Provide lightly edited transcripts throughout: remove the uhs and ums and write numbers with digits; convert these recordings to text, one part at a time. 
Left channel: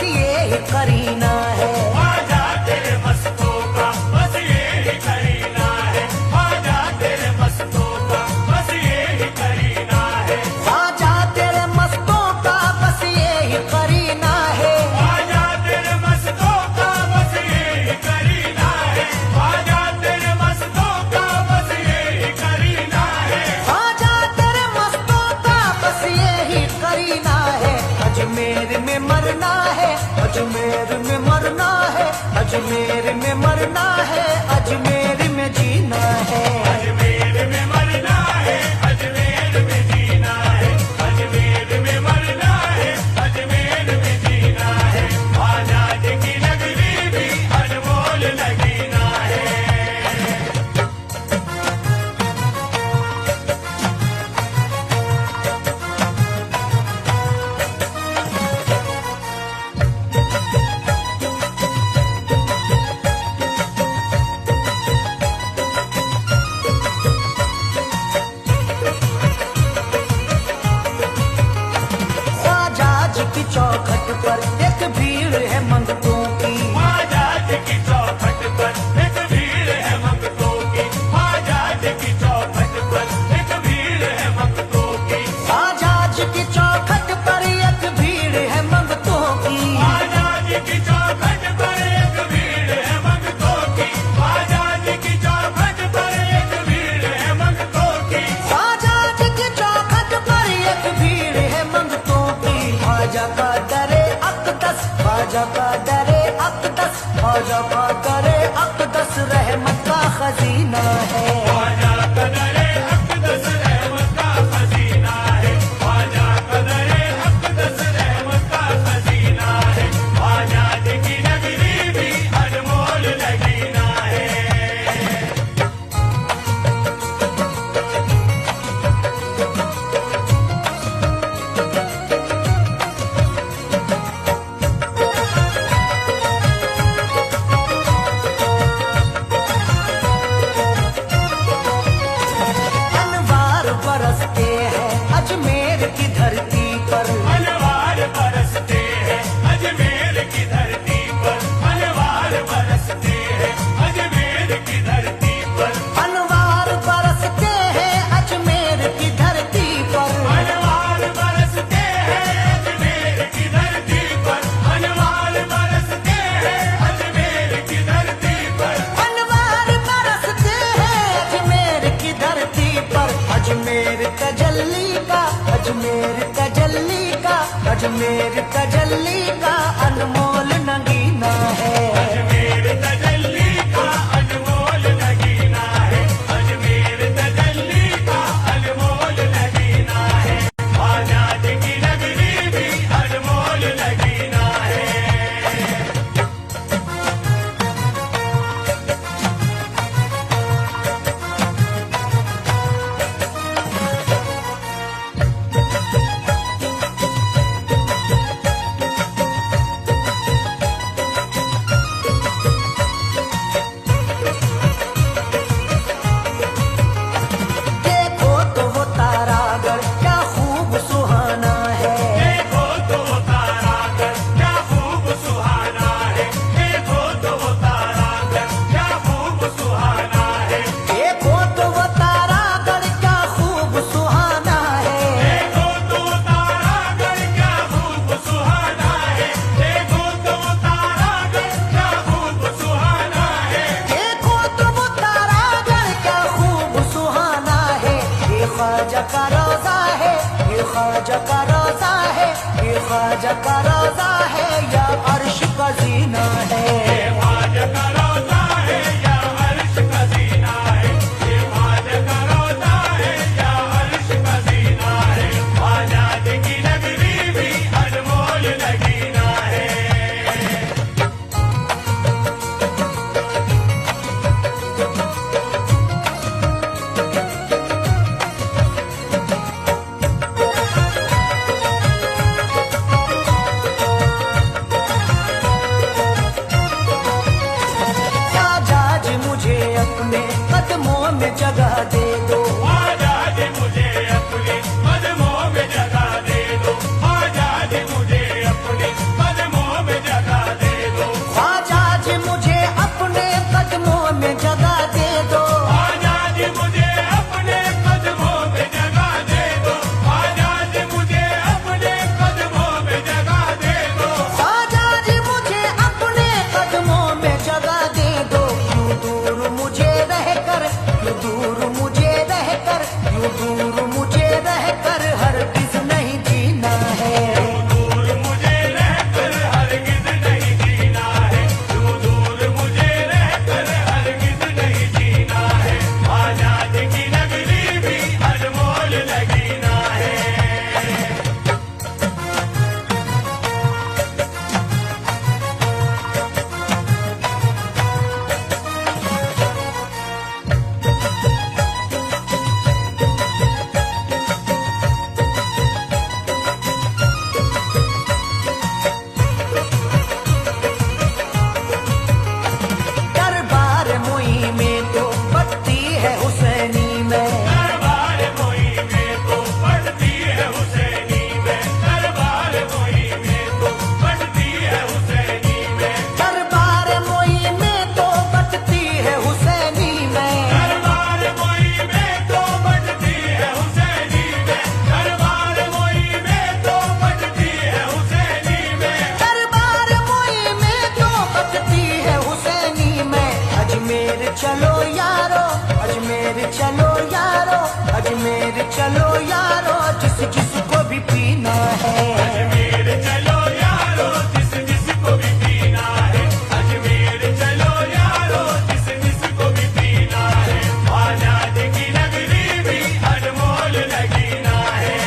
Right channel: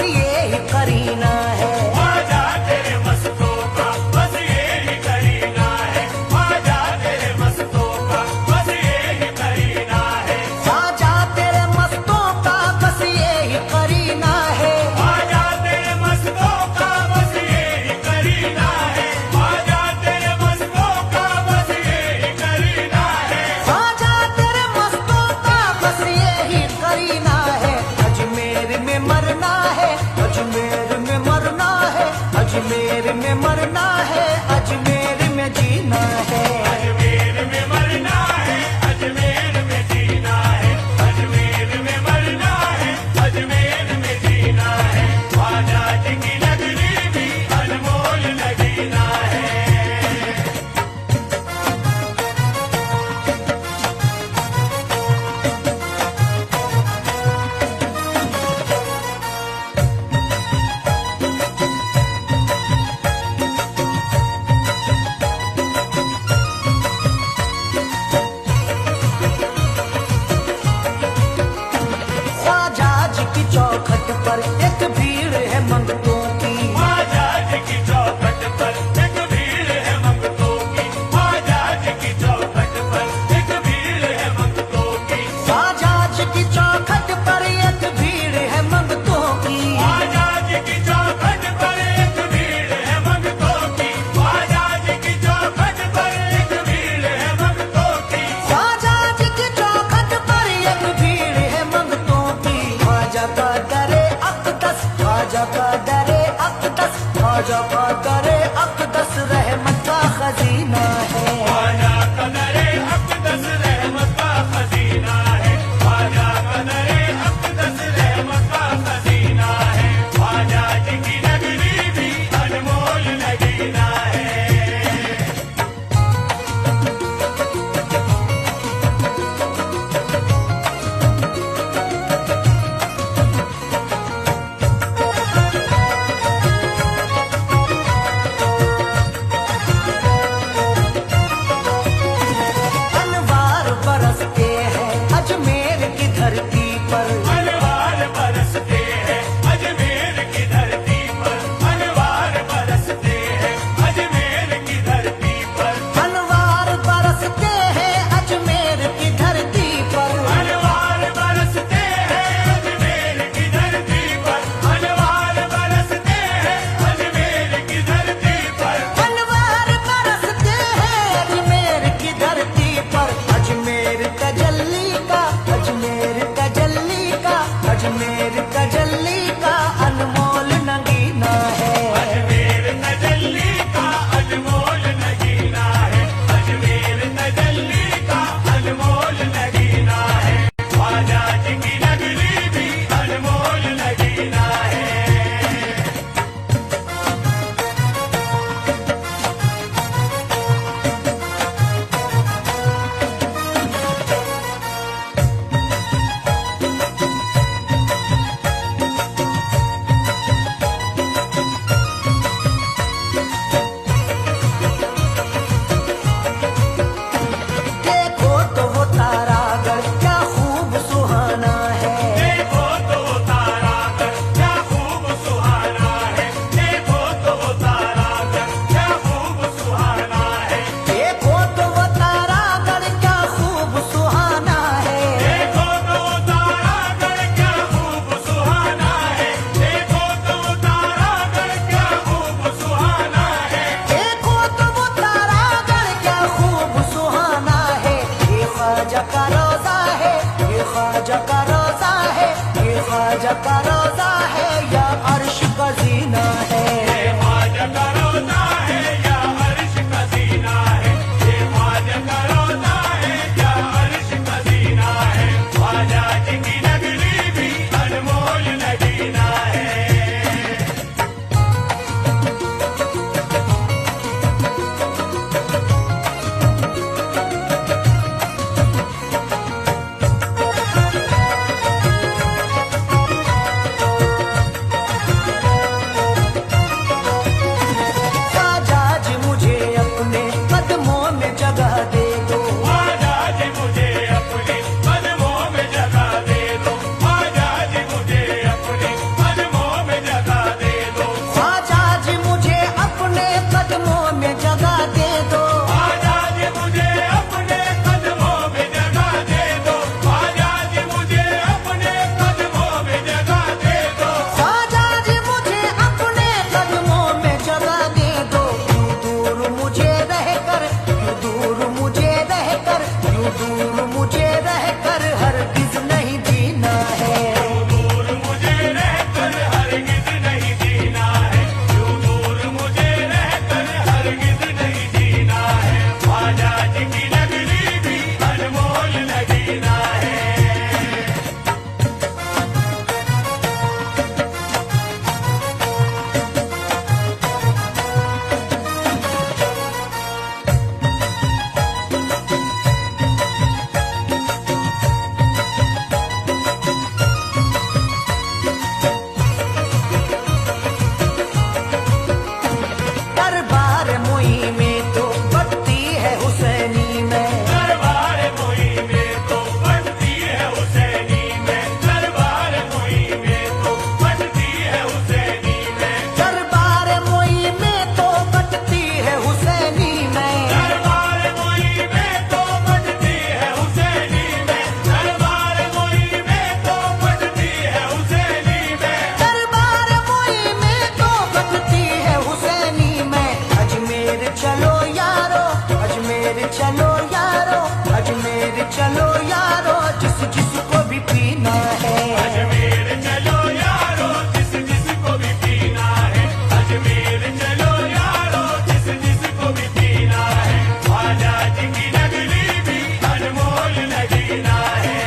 बस ये ही करीना है। ख्वाजा तेरे मस्तों का बस ये ही करीना है। ख्वाजा तेरे मस्तों का बस ये ही करीना है। ख्वाजा तेरे मस्तों का बस ये ही करीना है। ख्वाजा तेरे मस्तों का बस ये ही करीना है। ख्वाजा तेरे मस्तों का बस ये ही करीना है। ख्वाजा तेरे मस्तों का बस ये ही करीना है। अजमेर में मरना है, अजमेर में मरना है, अजमेर में मरना है, अजमेर में जीना है। अजमेर में मरना है, अजमेर में जीना है। अजमेर में मरना है, अजमेर में जीना है। ख्वाजा जी की नगरी भी अनमोल नगीना है। ख्वाजा जी की चौखट पर एक भीड़ है मंगतों की। ख्वाजा जी की चौखट पर एक भीड़ है मंगतों की। ख्वाजा जी की चौखट पर एक भीड़ है मंगतों की। ख्वाजा जी की चौखट पर एक भीड़ है मंगतों की। ख्वाजा जी की चौखट पर एक भीड़ है मंगतों की। ख्वाजा जी की चौखट पर एक भीड़ है मंगतों की। ख्वाजा जी की चौखट पर एक भीड़ है मंगतों की। ख्वाजा का दरे अक़दस, ख्वाजा का दरे अक़दस, ख्वाजा का दरे अक़दस रहमत का खजीना है। ख्वाजा का दरे अक़दस रहमत का खजीना है। ख्वाजा का दरे अक़दस रहमत का खजीना है। ख्वाजा जी की नगरी भी अनमोल नगीना है। अनवार बरसते हैं अजमेर की धरती पर। अनवार बरसते हैं अजमेर की धरती पर। अनवार बरसते हैं अजमेर की धरती पर। अनवार बरसते हैं अजमेर की धरती पर। अनवार बरसते हैं अजमेर की धरती पर। अनवार बरसते हैं अजमेर की धरती पर। अनवार बरसते हैं अजमेर की धरती पर। अजमेर तजल्ली का, अजमेर तजल्ली का, अजमेर तजल्ली का अनमोल नगीना है। अजमेर तजल्ली का अनमोल नगीना है। अजमेर तजल्ली का अनमोल नगीना है। ख्वाजा जी की नगरी भी अनमोल नगीना है। देखो तो वो तारागढ़ क्या खूब सुहाना है। देखो तो वो तारागढ़ क्या खूब सुहाना है। देखो तो वो तारागढ़ क्या खूब सुहाना है। देखो तो वो तारागढ़ क्या खूब सुहाना है। देखो तो वो तारागढ़ क्या खूब सुहाना है। देखो तो वो तारागढ़ क्या खूब सुहाना है। देखो तो वो तारागढ़ क्या खूब सुहाना है। ये ख्वाजा का रोजा है, ये ख्वाजा का रोजा है, ये ख्वाजा का रोजा है, या अर्श का जीना है। ख्वाजा का रोजा है या अर्श का जीना है। ये ख्वाजा का रोजा है या अर्श का जीना है। ख्वाजा जी की नगरी भी अनमोल नगीना है। में जगह दे दो। ख्वाजा जी मुझे अपने कदमों में जगह दे दो। ख्वाजा जी मुझे अपने कदमों में चलो यारो, अजमेर चलो यारो, जिस जिसको भी पीना है। अजमेर चलो यारो, जिस जिसको भी पीना है। अजमेर चलो यारो, जिस जिसको भी पीना है। ख्वाजा जी की नगरी भी अनमोल नगीना है।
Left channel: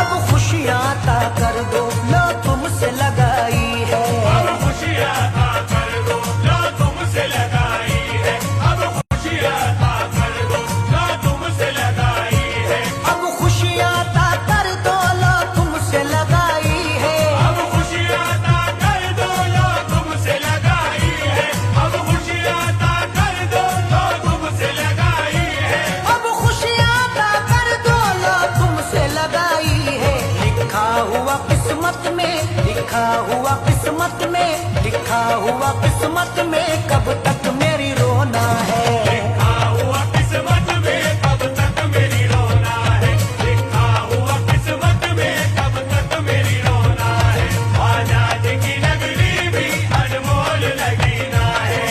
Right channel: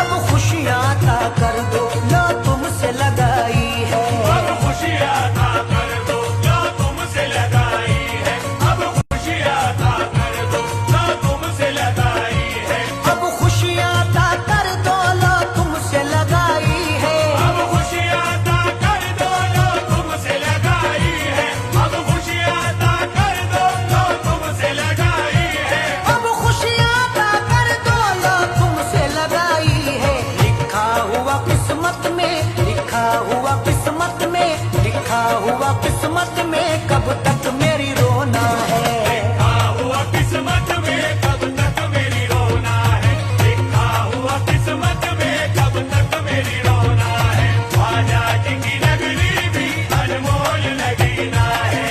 अब खुशियाँ अता कर दो, लो तुमसे लगाई है। अब खुशियाँ अता कर दो, लो तुमसे लगाई है। अब खुशियाँ अता कर दो, लो तुमसे लगाई है। अब खुशियाँ अता कर दो, लो तुमसे लगाई है। अब खुशियाँ अता कर दो, लो तुमसे लगाई है। अब खुशियाँ अता कर दो, लो तुमसे लगाई है। अब खुशियाँ अता कर दो, लो तुमसे लगाई है। लिखा हुआ किस्मत में, लिखा हुआ किस्मत में, लिखा हुआ किस्मत में, कब तक मेरी रोना है। लिखा हुआ किस्मत में कब तक मेरी रोना है। लिखा हुआ किस्मत में कब तक मेरी रोना है। ख्वाजा जी की नगरी भी अनमोल नगीना है।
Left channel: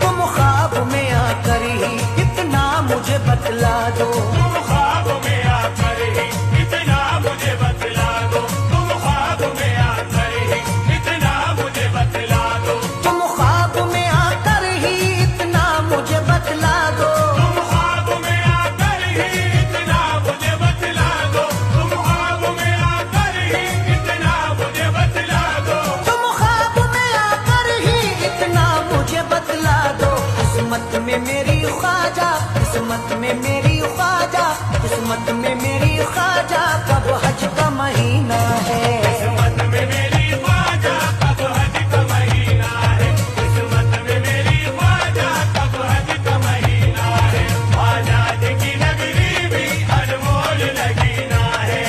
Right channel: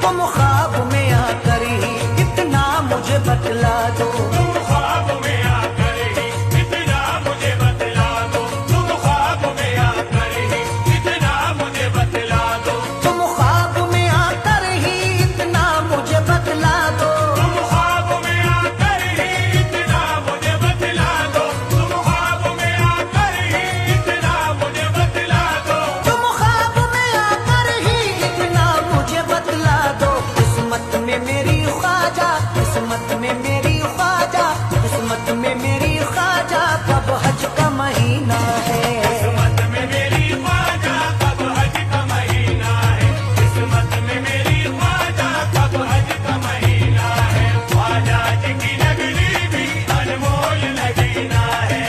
तुम ख्वाब में आकर ही इतना मुझे बतला दो। तुम ख्वाब में आकर ही इतना मुझे बतला दो। तुम ख्वाब में आकर ही इतना मुझे बतला दो। तुम ख्वाब में आकर ही इतना मुझे बतला दो। तुम ख्वाब में आकर ही इतना मुझे बतला दो। तुम ख्वाब में आकर ही इतना मुझे बतला दो। तुम ख्वाब में आकर ही इतना मुझे बतला दो। किस्मत में मेरी ख्वाजा, किस्मत में मेरी ख्वाजा, किस्मत में मेरी ख्वाजा, कब हज का महीना है। किस्मत में मेरी ख्वाजा कब हज का महीना है। किस्मत में मेरी ख्वाजा कब हज का महीना है। ख्वाजा जी की नगरी भी अनमोल नगीना है।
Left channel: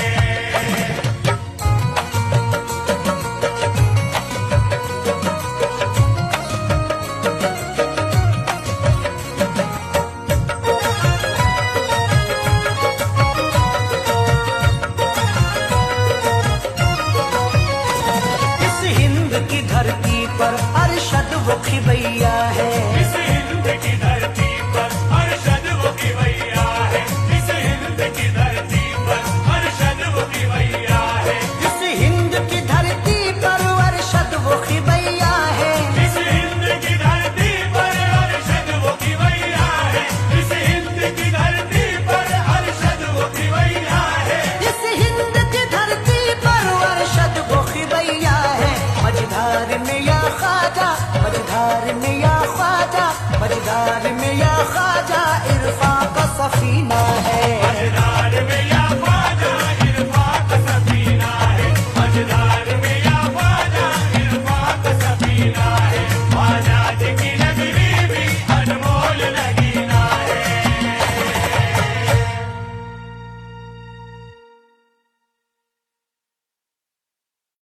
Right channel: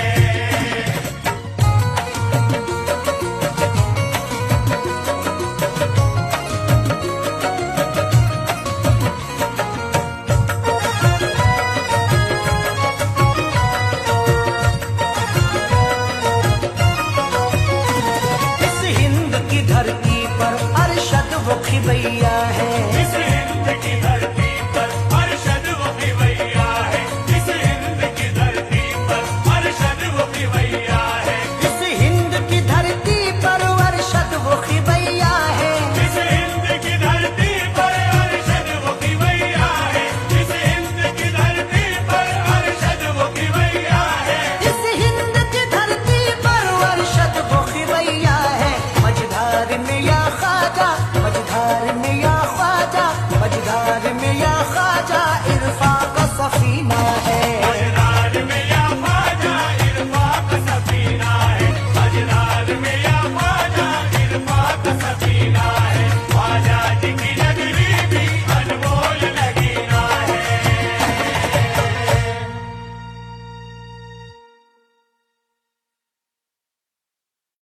इस हिंद की धरती पर अरशद वो खिबैया है। इस हिंद की धरती पर अरशद वो खिवैया है। इस हिंद की धरती पर अरशद वो खिवैया है। इस हिंद की धरती पर अरशद वो खिबैया है। इस हिंद की धरती पर अरशद वो खिवैया है। इस हिंद की धरती पर अरशद वो खिवैया है। इस हिंद की धरती पर अरशद वो खिबैया है। मझधार में या ख्वाजा, मझधार में या ख्वाजा, मझधार में या ख्वाजा, इरफा का सफीना है।